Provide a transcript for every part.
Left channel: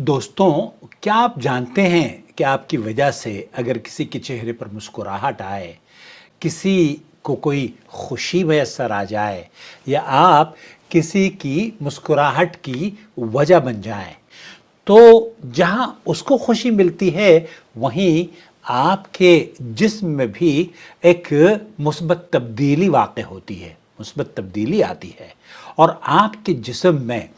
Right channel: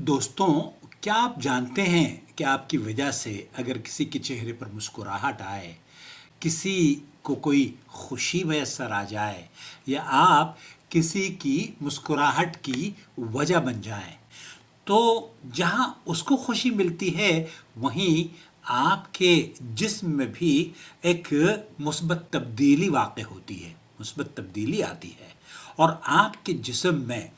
दोस्तों, क्या आप जानते हैं कि आपकी वजह से अगर किसी के चेहरे पर मुस्कुराहट आए, किसी को कोई खुशी मैसर आ जाए या आप किसी की मुस्कुराहट की वजह बन जाएं, तो जहां उसको खुशी मिलती है वहीं आपके जिस्म में भी एक मुस्बत तब्दीली वाक़ होती है, मुस्बत तब्दीली आती है और आपके जिस्म में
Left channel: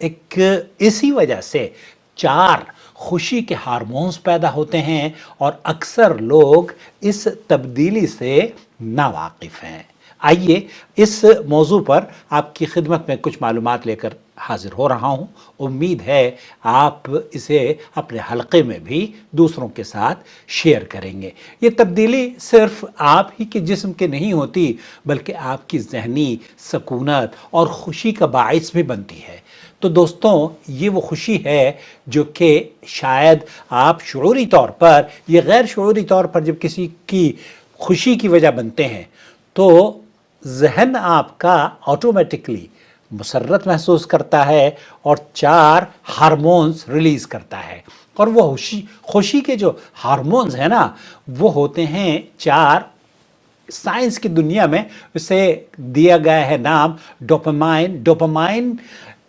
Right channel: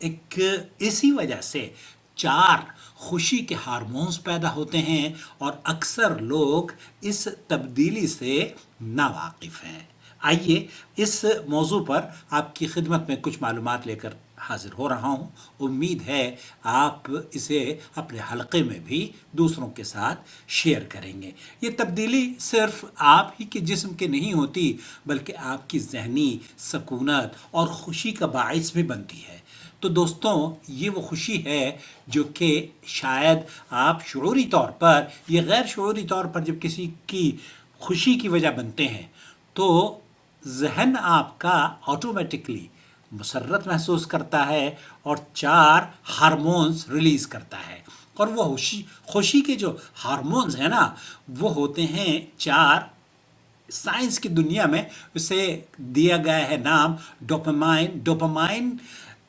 एक इसी वजह से चार खुशी के हार्मोन्स पैदा होते हैं और अक्सर लोग इस तब्दीली से नावाकिफ़ हैं। आइए इस मौजू पर आपकी खिदमत में कुछ मालूमात लेकर हाजिर हो रहा हूँ। उम्मीद है आप इसे अपने हलक़े में भी दूसरों के साथ शेयर करेंगे। ये तब्दीली सिर्फ आप ही के जिस्म के नहीं होती, बल्कि आपकी ज़हनी सकूनत और खुशी का बाइस भी बनती है। तो दोस्तों, ये वो खुशी है जो कि शायद आप शुऊरी तौर पर या गैर शुऊरी तौर पर जब किसी की खुशी की वजह बनते हैं तो जहन आपका ऑटोमेटिकली मुसर्रत महसूस करता है और चार हार्मोन्स रिलीज़ करता है। और वो खुशी के जो हार्मोन्स हैं ना, वो होते हैं चार। साइंस की दुनिया में उसे दिया गया है नाम डोपामाइन। डोपामाइन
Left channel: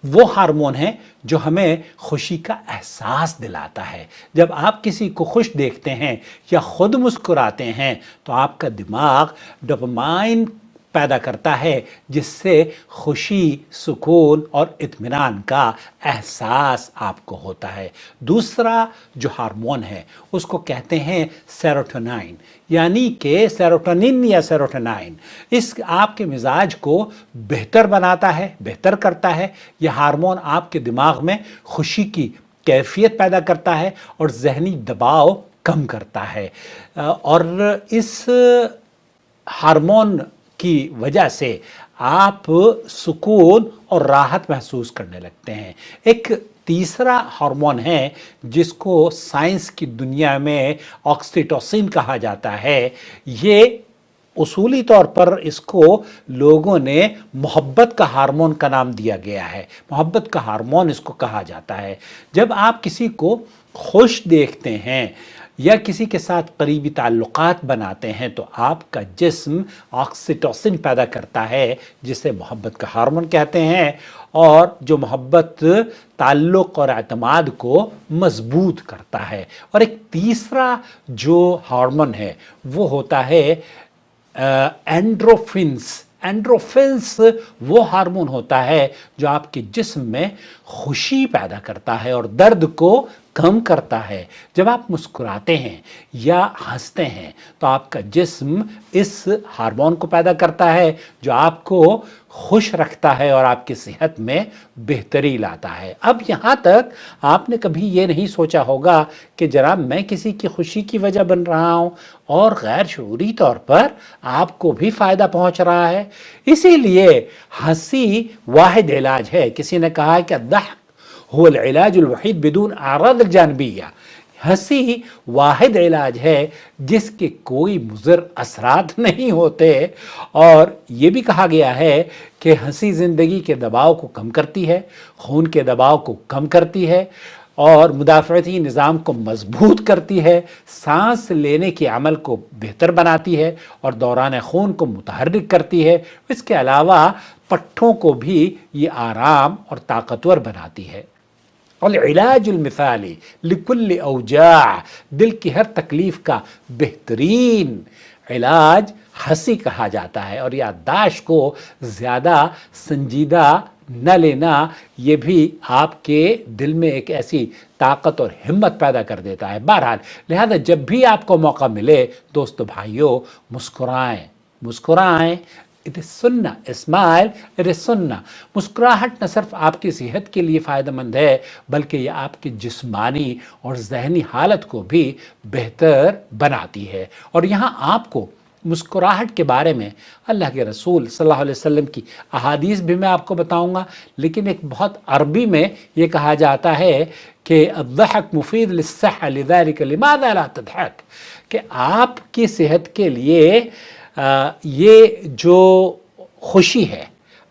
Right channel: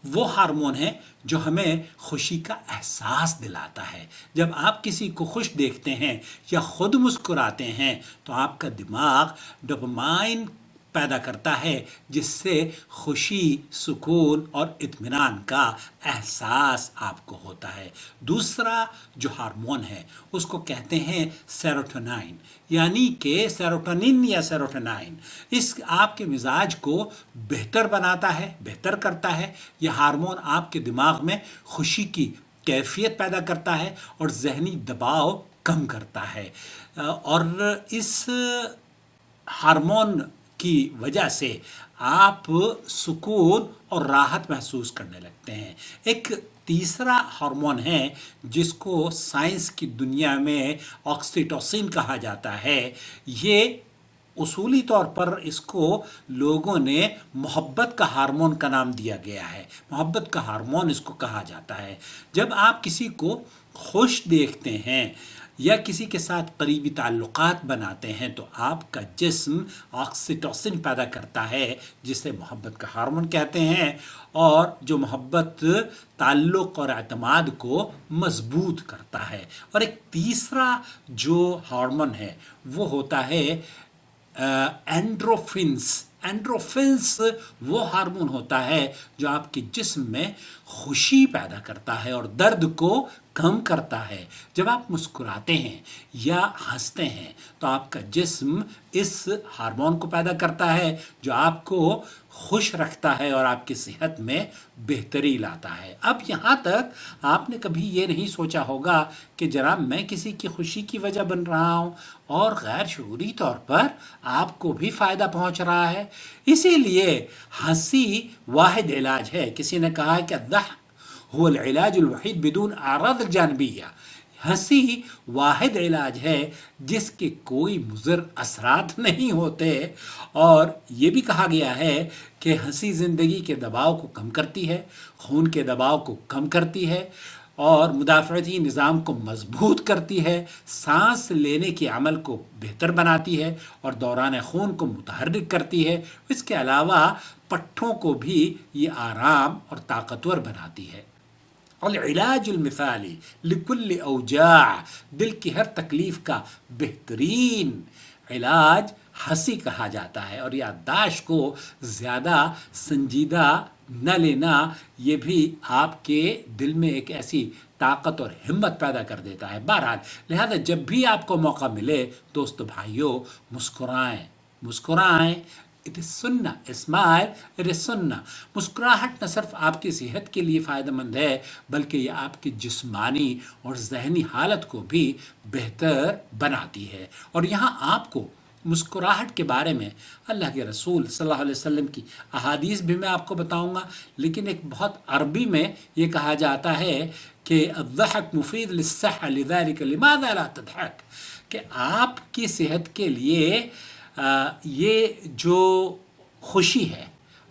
वो हार्मोन है जो हमें खुशी का एहसास दिलाता है। जब आप किसी को खुश देखते हैं या खुद मुस्कुराते हैं तो आपका दिमाग डोपामाइन पैदा करता है, जिससे खुशी, सुकून और इत्मीनान का एहसास आपको होता है। दूसरा जो हार्मोन है उसको कहते हैं सेरोटोनिन, यानी कि सेरोटोनिन या सेरोटोनिन। इस आपके मिजाज को बेहतर बनाता है, बेहतर करता है। यह हार्मोन आपके दिमाग में खुशी की कैफियत पैदा करता है और जहनी दबाव कम करता है। और इस हार्मोन की वजह से आप सुकून और राहत महसूस करने लगते हैं। एक तीसरा हार्मोन है जिसको साइंस की दुनिया में ऑक्सीटोसिन कहा जाता है। ये उसूली तौर पर इसको लोगों ने मोहब्बत का हार्मोन का नाम दिया गया है। मोहब्बत का हार्मोन इसको कहा जाता है। जब आप किसी को खुश देखते हैं या किसी के साथ करीबी ताल्लुकात बनाते हैं तो आपका जिस्म ऑक्सीटोसिन पैदा करता है, जिसे मोहब्बत का हार्मोन कहते हैं, और जो मोहब्बत ताल्लुक़ और एतमाद को मजबूत करता है। और एक तीसरा जो हार्मोन है वो होता है एंड्रोफिन्स। एंड्रोफिन्स वो हार्मोन होता है जो आपके जिस्म में खुशी पैदा करता है और दर्द को कम करता है। जब आप मुस्कुराते हैं या हंसते हैं तो आपका जिस्म इस हार्मोन को पैदा करता है जो आपको खुश रखता है और आपकी सेहत में बेहतरी लाता है। अब यहाँ तक आपने कभी ये नहीं सोचा होगा कि जनाब मैं किसी की खुशी की वजह बन रहा हूँ और गैर शऊरी तौर पर आपको भी फ़ायदा पहुँच रहा है। इसीलिए हंसी वाहिद इलाज है। किसी ने कहा है कि दहक हुवल इलाजुल वहीद बिदून आराद जानबिया। हंसी वाहिद इलाज है जिसके कोई मुज़र असरात नहीं होते। और ये भी कहा गया है कि हंसी ज़िंदगी के दबाव को कम करती है, खून के दबाव को कम करती है और मुदाफ़अती निज़ाम को मजबूत करती है, सांस लेने के अमल को बेहतर बनाती है और दौरान खून को मुतहर्रिक करती है। इसके अलावा पट्ठों को भी ये आराम और ताकतवर बनाती है। और इलाजुल मिसाली लिकुल्ल औजा, दिल की हर तकलीफ़ का बेहतरीन इलाज हंसी कहा जाता है। और याददाश्त को ज़्यादा संजीदा न लेना ये भी आपके दिल में एक ऐसी ताकत और हिम्मत पैदा कर देता है। बहरहाल, लिहाजा जब भी आपको मौका मिले दोस्तों भाइयों, मुस्कुराएं, मुस्कुराएं। इट इज़ सुन्ना, स्माइल इट इज़ सुन्ना। मुस्कुराहट न सिर्फ आपकी सेहत के लिए फ़ायदेमंद है बल्कि यह आपकी जिस्मानी और जहनी हालत को भी बेहतर बनाती है। और यहाँ आपको मुस्कुराहट के बारे में अल्लाह के रसूल सल्लल्लाहु अलैहि वसल्लम की अहादीस भी मैं आपको बताऊंगा, लेकिन एक बहुत अरबी में ये कहा जाता है कि अद्दहक मुफीद लिस्सह लिज़ालिक लिमाज़ा ला तदहक, कि आपकी सेहत के लिए ये जो खुशी है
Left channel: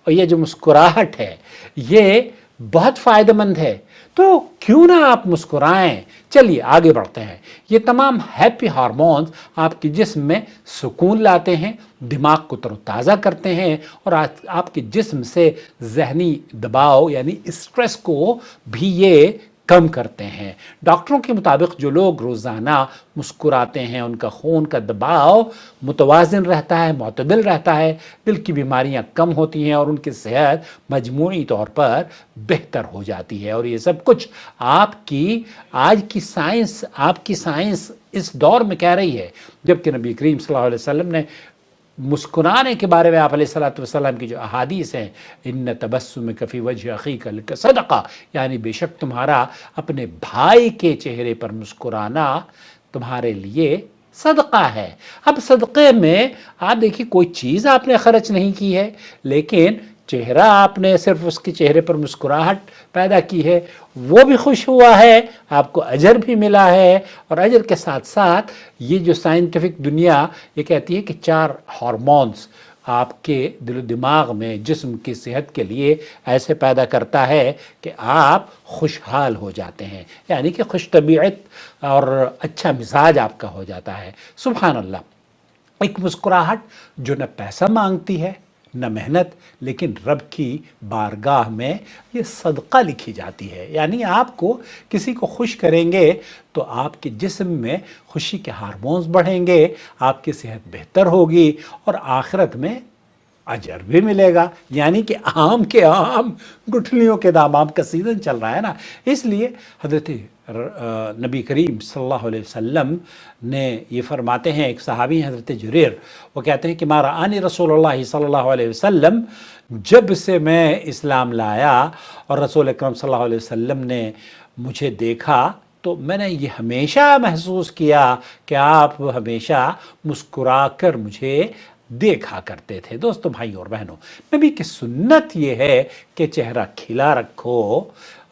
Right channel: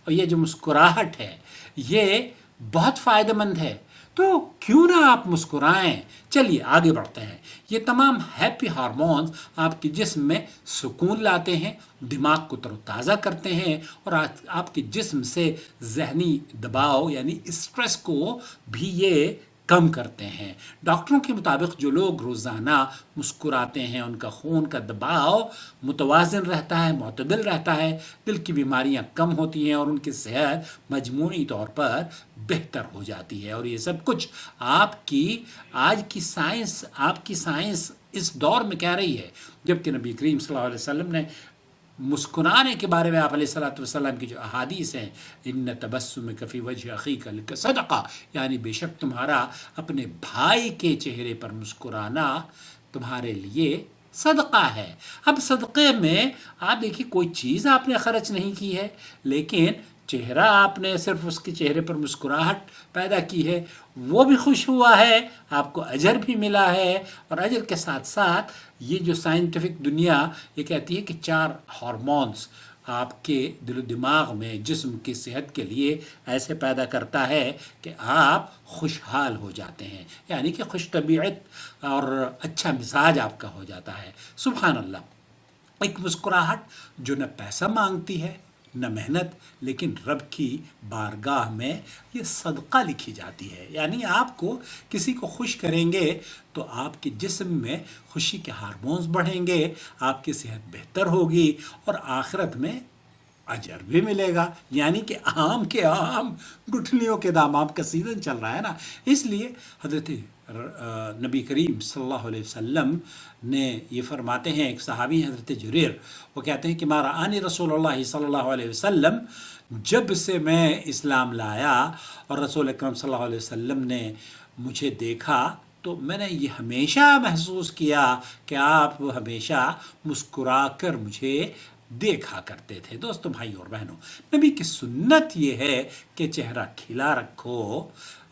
और ये जो मुस्कुराहट है ये بہت فائدہ مند ہے، تو کیوں نہ آپ مسکرائیں۔ چلیے آگے بڑھتے ہیں۔ یہ تمام ہیپی ہارمونز آپ کے جسم میں سکون لاتے ہیں، دماغ کو تر و تازہ کرتے ہیں، اور آپ کے جسم سے ذہنی دباؤ یعنی اسٹریس کو بھی یہ کم کرتے ہیں۔ ڈاکٹروں کے مطابق جو لوگ روزانہ مسکراتے ہیں ان کا خون کا دباؤ متوازن رہتا ہے، معتدل رہتا ہے، دل کی بیماریاں کم ہوتی ہیں اور ان کی صحت مجموعی طور پر بہتر ہو جاتی ہے۔ اور یہ سب کچھ آپ کی آج کی سائنس اس دور میں کہہ رہی ہے، جبکہ نبی کریم صلی اللہ علیہ وسلم نے مسکرانے کے بارے میں آپ علیہ الصلوۃ والسلام کی جو احادیث ہیں، ان تبسمک فی وجہ اخیک لک صدقہ، یعنی بے شک تمہارا اپنے بھائی کے چہرے پر مسکرانا تمہارے لیے صدقہ ہے۔ اب صدقے میں آپ دیکھیے کوئی چیز آپ نے خرچ نہیں کی ہے، لیکن چہرہ آپ نے صرف اس کے چہرے پر مسکراہٹ پیدا کی ہے، وہ بھی خوش ہوا ہے، آپ کو اجر بھی ملا ہے، اور اجر کے ساتھ ساتھ یہ جو سائنٹیفک دنیا یہ کہتی ہے کہ 4 ہارمونز آپ کے دل و دماغ میں جسم کی صحت کے لیے ایسے پیدا کرتا ہے کہ آپ خوشحال ہو جاتے ہیں، یعنی کہ خوش طبیعت اور اچھا مزاج آپ کا ہو جاتا ہے۔ سبحان اللہ، ایک مسکراہٹ جو نہ پیسہ مانگتی ہے نہ محنت، لیکن رب کی بارگاہ میں یہ صدقہ لکھی جاتی ہے، یعنی آپ کو کسی کو خوش کریں گے تو آپ کے جسم میں خوشی کے ہارمونز بڑھیں گے، آپ کی صحت بہتر ہوگی، اور آخرت میں اجر بھی ملے گا۔ یعنی کہ عام کے عام گٹھلیوں کے دام، آپ کا سیزن چل رہا ہے نا، اس لیے حضرت نبی کریم صلی اللہ علیہ وسلم نے یہ فرماتے ہیں، ایک صحابی ہیں حضرت جریر، وہ کہتے ہیں کہ ما رآنی رسول اللہ صلی اللہ علیہ وسلم، جب سے میں اسلام لایا اور رسول اکرم صلی اللہ علیہ وسلم نے مجھے دیکھا تو میں نے یہ ہمیشہ محسوس کیا کہ آپ ہمیشہ مسکرا کر مجھے دیکھا کرتے تھے۔ دوستو، بھائی اور بہنوں، نبی کی سنت یہ ہے کہ چہرہ کھلا رکھو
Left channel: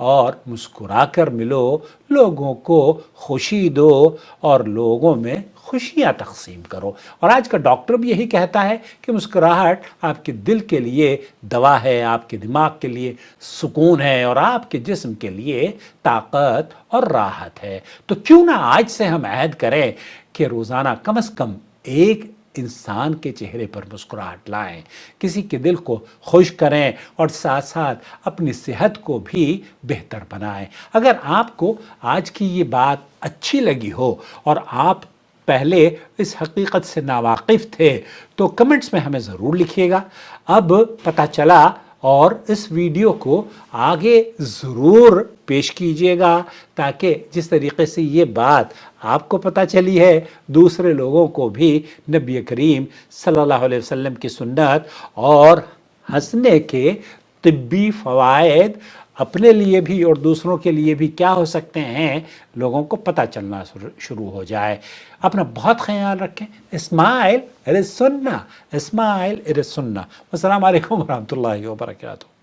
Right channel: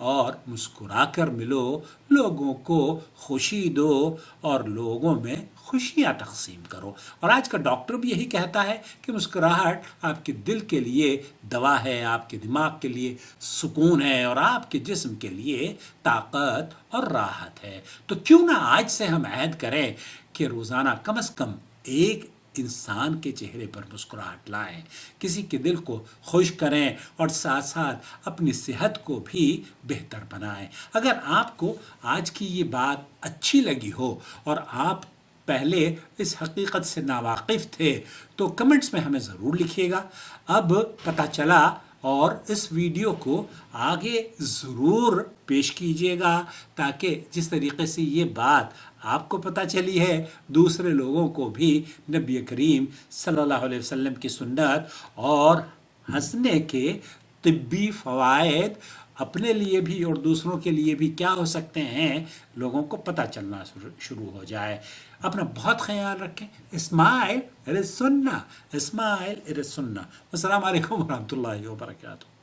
اور مسکرا کر ملو، لوگوں کو خوشی دو اور لوگوں میں خوشیاں تقسیم کرو۔ اور آج کا ڈاکٹر بھی یہی کہتا ہے کہ مسکراہٹ آپ کے دل کے لیے دوا ہے، آپ کے دماغ کے لیے سکون ہے، اور آپ کے جسم کے لیے طاقت اور راحت ہے۔ تو کیوں نہ آج سے ہم عہد کریں کہ روزانہ کم از کم ایک انسان کے چہرے پر مسکراہٹ لائیں، کسی کے دل کو خوش کریں، اور ساتھ ساتھ اپنی صحت کو بھی بہتر بنائیں۔ اگر آپ کو آج کی یہ بات اچھی لگی ہو اور آپ پہلے اس حقیقت سے ناواقف تھے تو کمنٹس میں ہمیں ضرور لکھیے گا۔ اب پتہ چلا، اور اس ویڈیو کو آگے ضرور پیش کیجیے گا، تاکہ جس طریقے سے یہ بات آپ کو پتہ چلی ہے دوسرے لوگوں کو بھی نبی کریم صلی اللہ علیہ وسلم کی سنت اور ہنسنے کے طبی فوائد اپنے لیے بھی اور دوسروں کے لیے بھی کیا ہو سکتے ہیں، لوگوں کو پتہ چلنا شروع ہو جائے۔ اپنا بہت خیال رکھیں۔ اسمائل اٹ از سنہ، اسمائل اٹ از سنہ۔ السلام علیکم ورحمۃ اللہ وبرکاتہ۔